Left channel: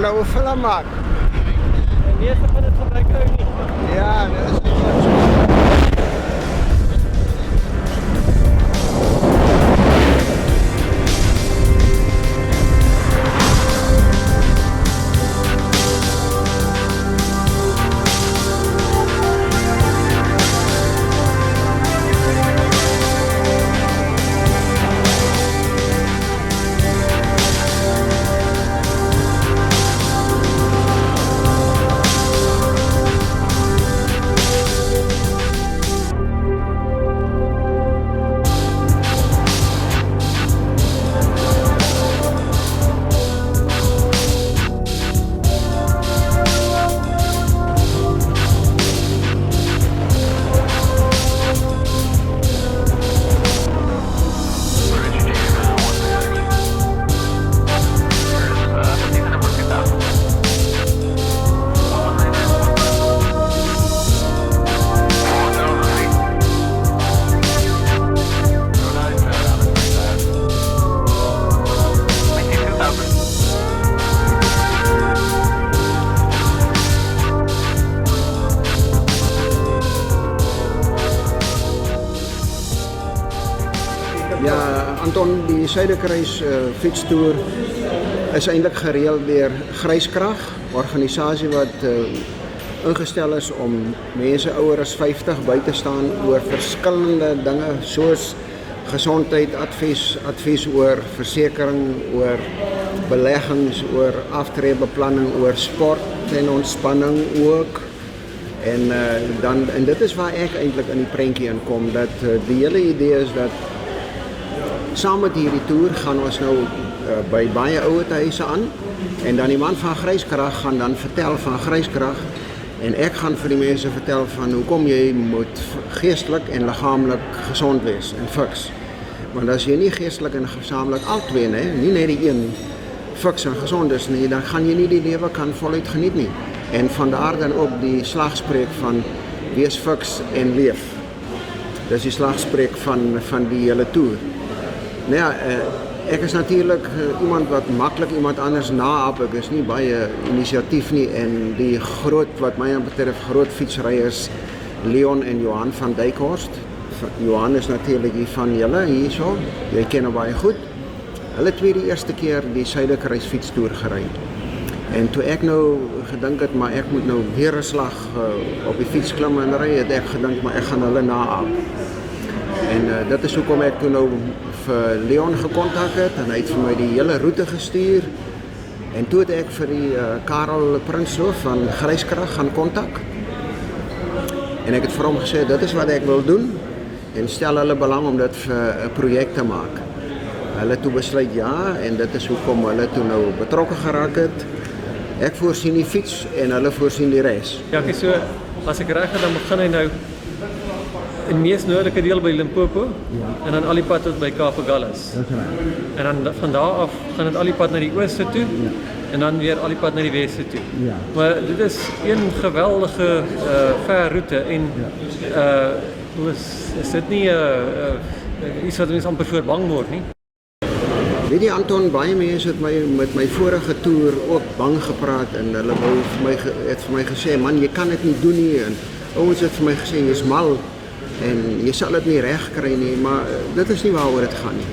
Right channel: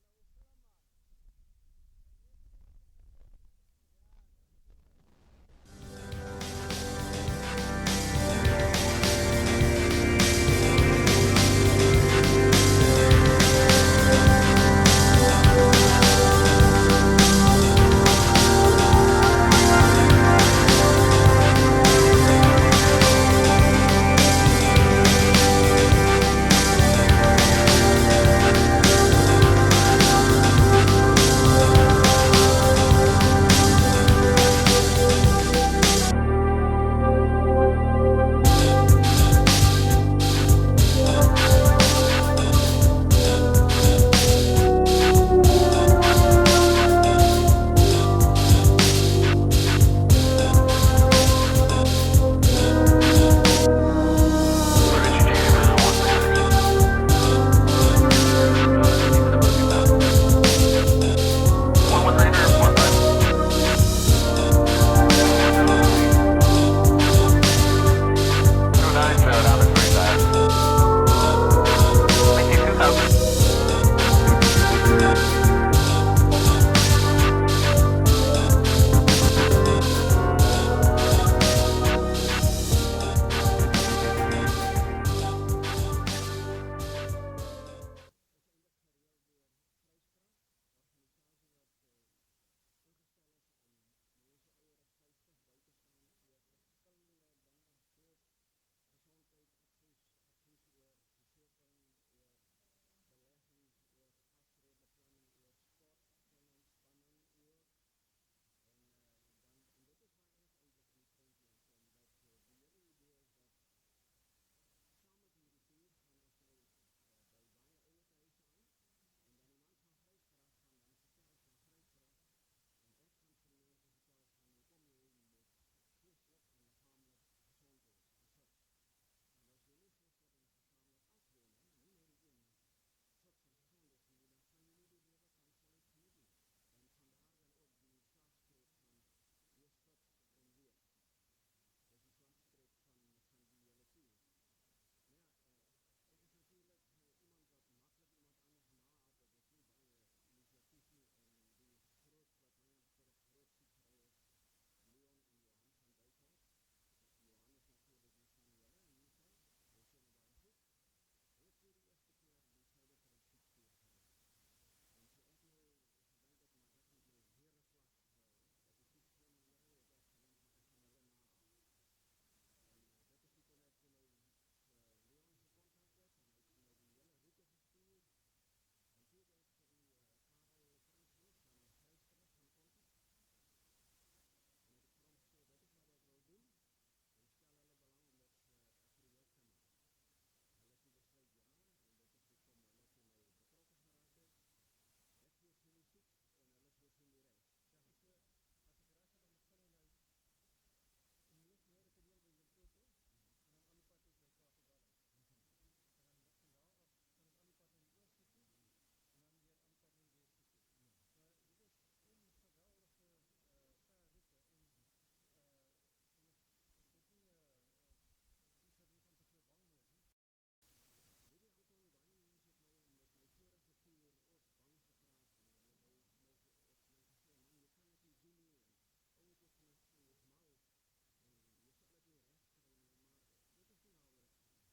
hulle oefening maak. En meeste van dit gebruik nou nie. Ja, dit is nie so. Anton, die Suiderkruis fietstoer is eintlik gereël deur Gryskrag, 'n organisasie wat ingestel is om mense ouer as 50 by te staan oor verskillende dinge soos gesondheid, advies oor versekering, oor beleggings, oor aftreebeplanning, oor sport en ontspanning ook. En dit is waar ek eintlik in die prentjie inkom, dat die hele idee is dat saam met hierdie toer gaan ons nou by baie ouerhuise aan en dan die man van Gryskrag gaan dan vertel van Gryskrag en ek gaan vir die mense vertel van hoekom jy moet geestelik en liggaamlik gesond wees en fiks. Want as jy nie geestelik en gesamentlik albei nie net die een fiks en gesond is nie, dan gaan jy nie die lewe kan voluit geniet nie. En vandaar dan ook die slagspreuk van wees fiks en leef. Dis die slagspreuk van die hele toer. Nou ja, ek is natuurlik iemand wat maklik iemand anders naap. Ek is nie baie inisiatief nie en die groot wat my betref groot fietsryers Leon en Johan van Dijkhorst. Johan is natuurlik hier van julle hierso. Jy ken hom baie goed. Hulle twee die eerste keer die Suiderkruis fietstoer gery. En toe ek nou gedink het maar ek moet nou weer 'n slag op die fiets klim en ry, het ek gedink maar ek gaan hulle naap. En dit is hoekom ek toe nou vir Leon gekontak het en hy het vir my die hele roete gestuur. En toe het ek vir die Karel Prinsloo van Gryskrag gaan kontak. En ek het vir hom gesê dit is wat ek wil doen en stel hulle belang om dit vir 'n projek te maak. Hulle toe besluit ja en dit is hoekom hulle toe nou betrokke geraak het. Ek voorsien die fiets en hulle voorsien die res. Ja, so as ek reg het dan begin hy nou in die mees noordelike deel by Limpopo en dan al die pad tot by Kaapagallus. En dan van daar af gaan dit al die pad na die ooste toe en dan weer al die pad na die weste toe. Maar dit is een geweldige ver roete en is dit nie iets wat mens amper voor bang word nie? Weet jy Anton, baie mense het met my vorige toer ook bang gepraat en hulle het vir my gesê man, jy kan dit nie doen nie en ouens het vir my gesê jy's mal en jy sal dit nie reg kry nie, maar dit is nie waaroor dit gaan nie.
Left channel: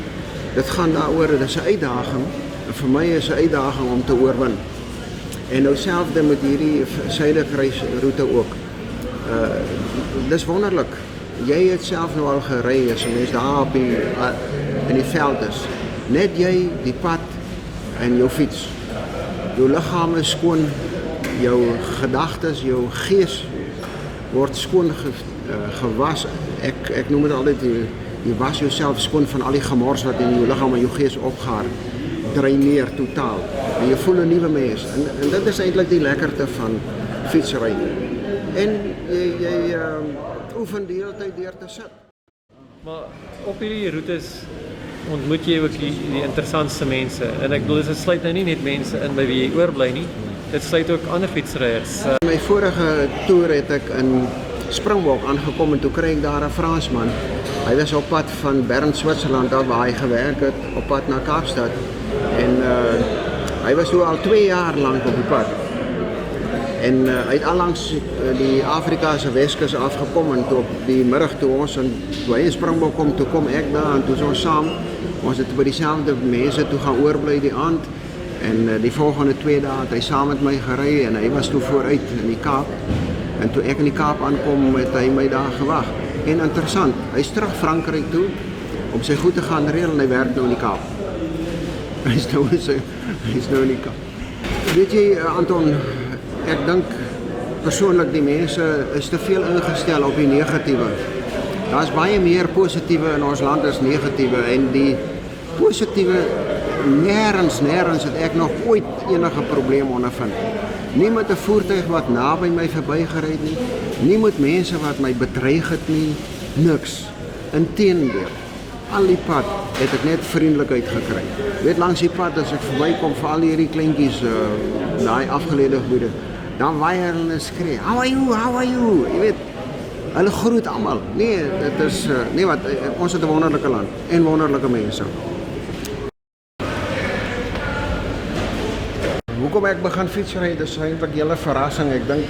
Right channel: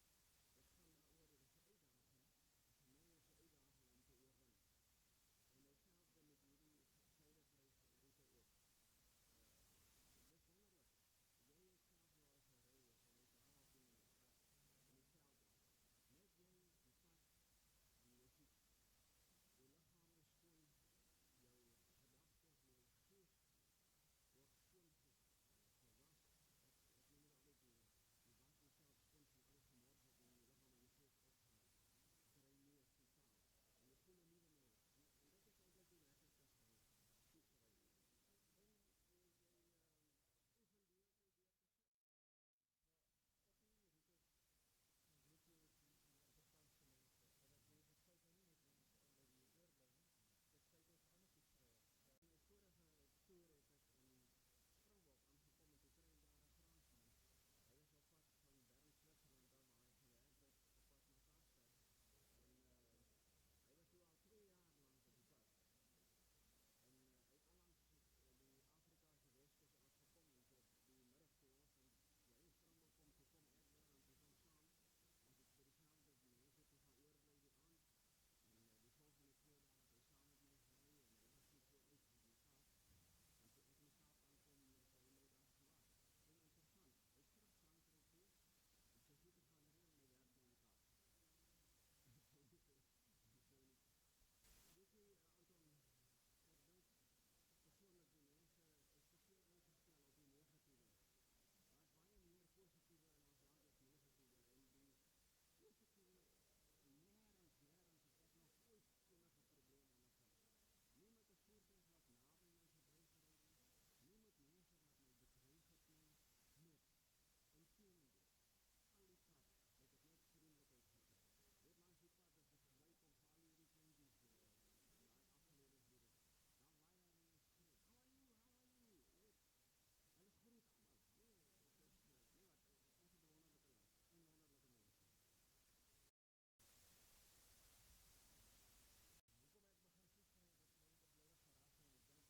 Dit gaan daaroor, dit is 'n uitdaging en vir my is 'n uitdaging om te oorwin. En nou selfde met hierdie Suiderkruis roete ook. Dis wonderlik. Jy het self nou al gery as 'n mens daar op in die veld is. Net jy, die pad en jou fiets. Jou liggaam is skoon, jou gedagtes, jou gees word skoon gewas. Ek noem dit altyd jy was jouself skoon van al die gemors wat in jou liggaam en jou gees opgaar. Dreineer totaal. En jy voel 'n nuwe mens. En dit is eintlik die lekkerte van fietsry. En jy oefen die hele tyd deur te sit. Maar op hierdie roetes ontmoet jy ook die interessantste mense. En ek bedoel, dit sluit nou nie net mense in by wie jy oorbly nie. Dit sluit ook ander fietsryers. My vorige toer het ek in Springbok aangekom en toe kry ek daar 'n Fransman. Hy was op pad van Bern, Switserland, daar waar hy gewerk het, op pad na Kaapstad. En Hy was toe al 2 jaar lank op die pad. En hy het allangs die Afrikaanse Weskus afgekom en toe op die middag toe ons toe hy in Springbok kom, toe kom ek daar en toe is ons saam. Ons het by dieselfde mense toe gaan oorbly die aand en die volgende 2 dae het hy saam met my gery en hy was toe vooruit in die Kaap. En toe ek in die Kaap aankom, het hy my daar gewag. En interessant, hy is terug Frankryk toe om sy goed te gaan reël en hy werk nou in die Kaap. Hy is nou in die Kaap. Weet jy, Anton, ek dink persoonlik die mense is te veel ingestel op die negatiewe. Daar is baie meer positiewe in ons land as negatiewe en die positiewe nêrens het ek nog ooit enige probleem ondervind. Nie met 'n voertuig wat naby my verbygery het nie met mense wat my bedreig het nie, niks. Inteendeel, al die pad het ek net vriendelikheid gekry. Weet langs die pad as ek verbykom vir al hierdie kleintjies, daai afgeleide gebiede, dan waai hulle en skree, how are you? Jy weet, hulle groet almal. Nee, dit is wat ons het 'n wonderlike land en wonderlike mense. Hoekom ek begin fietsry, dis eintlik 'n hele verrassing. Ek dink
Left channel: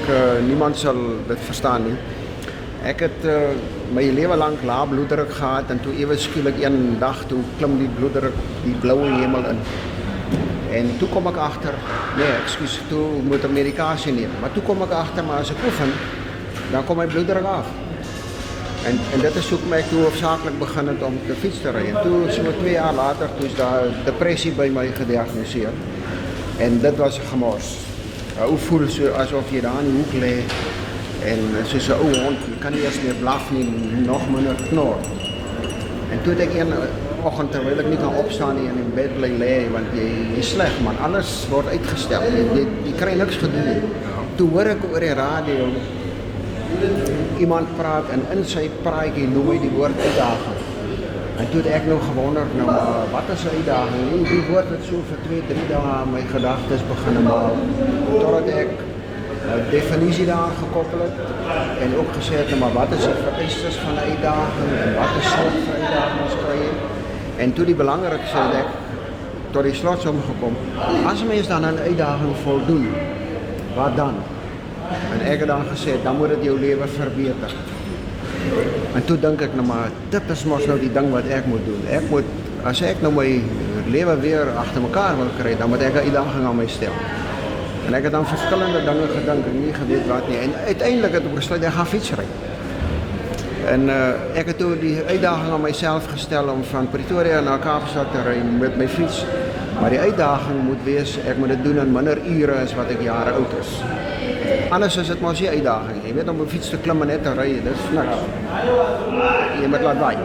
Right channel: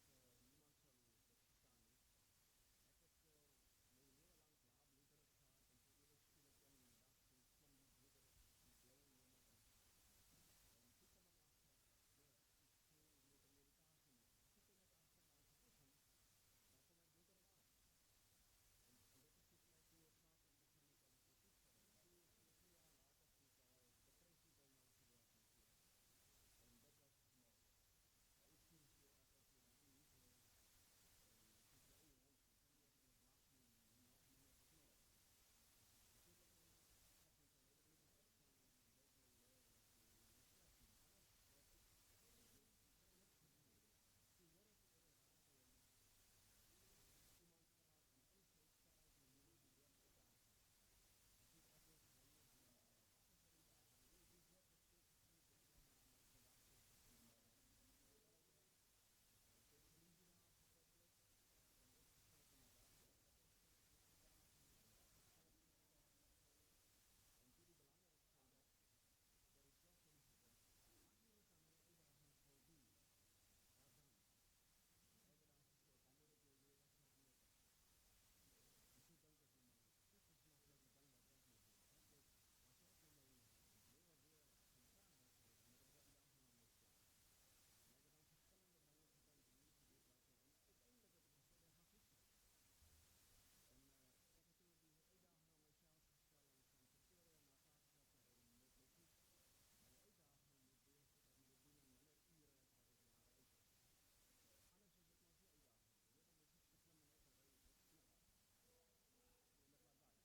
niemand sal dit verstaan nie. Ek het my lewe lank lae bloeddruk gehad en toe ewe skielik een dag toe klim die bloeddruk die bloue hemel in. En toe kom ek agter, toe moet ek medikasie neem. Maar toe kom ek agter, maar as ek oefen, dan kom my bloeddruk af. En dit is hoekom ek toe hoofsaaklik begin het om te fiets te ry. En toe so 2 jaar later, toe is daar depressie by my gediagnoseer. En dit was 'n gemors. Ou voel so asof jy daar in die hoek lê en soos 'n ou hond, jy kan nie eers meer blaf nie, nog minder knor. En toe het ek een oggend terwyl ek nie kan opstaan nie en in bed lê want jy is sleg man, alles word uitgestel. Jy kry niks gedoen nie. Toe hoor ek oor die radio iemand praat en in sy praatjie noem hy die woord uitdaging. En toe het ek nou gewonder, wat is 'n uitdaging? Die woord het so vir 2-3 dae my gedagtes begin maal. Totdat ek 'n definisie daar gekoppel het en ook gesê het, maar wat is die vereistes van 'n uitdaging en wat is soort van uitdagings kry jy? En toe die belangrikste het ek tot die slotsom gekom. As 'n mens dan aan 'n uitdaging voldoen, wat dan? En ek het dan gesê, dan moet dit jou lewe verbeter. En toe dink ek maar, dit is mos nou die ding wat ek moet doen. As ek nou my lewe weer agter mekaar wil kry, dan moet ek 'n uitdaging aan my stel. En ek het dan verskillende dinge gedink en nie geweet wat nie. En uiteindelik het ek besluit ek gaan fietsry. En ek het toe die uitdaging aan myself gestel om van Pretoria na Kaapstad te ry met my fiets. Maar die uitdaging moet wees, ek moet dit doen in minder ure as wat ek jare oud is. Anders is dit mos nie uitdaging. Jy weet om 'n fiets te klim en net te ry, dis niks. Jy moet laat waai.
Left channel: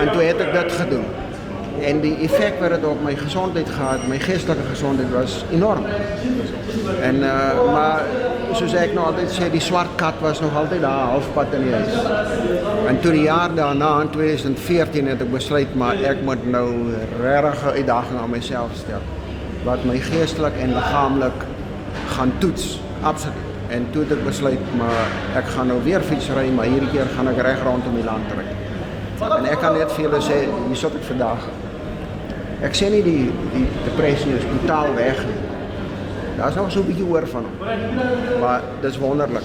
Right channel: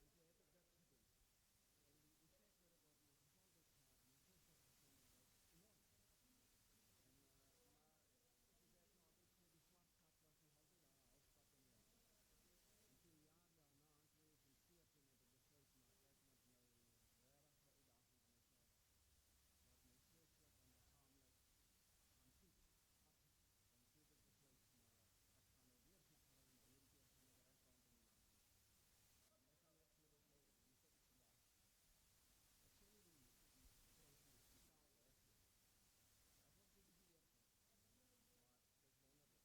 En toe het ek dit gedoen. En die effek wat dit op my gesondheid gehad, my geestelike gesondheid was enorm. En maar soos ek nou altyd sê, die swart kat was nog altyd daar halfpad in die huis. En toe die jaar daarna in 2014 het ek besluit maar ek moet nou regtig 'n uitdaging aan myself stel wat my geestelik en liggaamlik gaan toets. Absoluut. En toe het ek besluit, maar ek gaan nou weer fietsry, maar hierdie keer gaan ek reg rondom die land ry. En ek kan net vir julle sê, hier sit ek vandag. Ek sê nie die depressie is totaal weg nie. Daar is nog so 'n bietjie oor van hom. Maar dis wonderlik.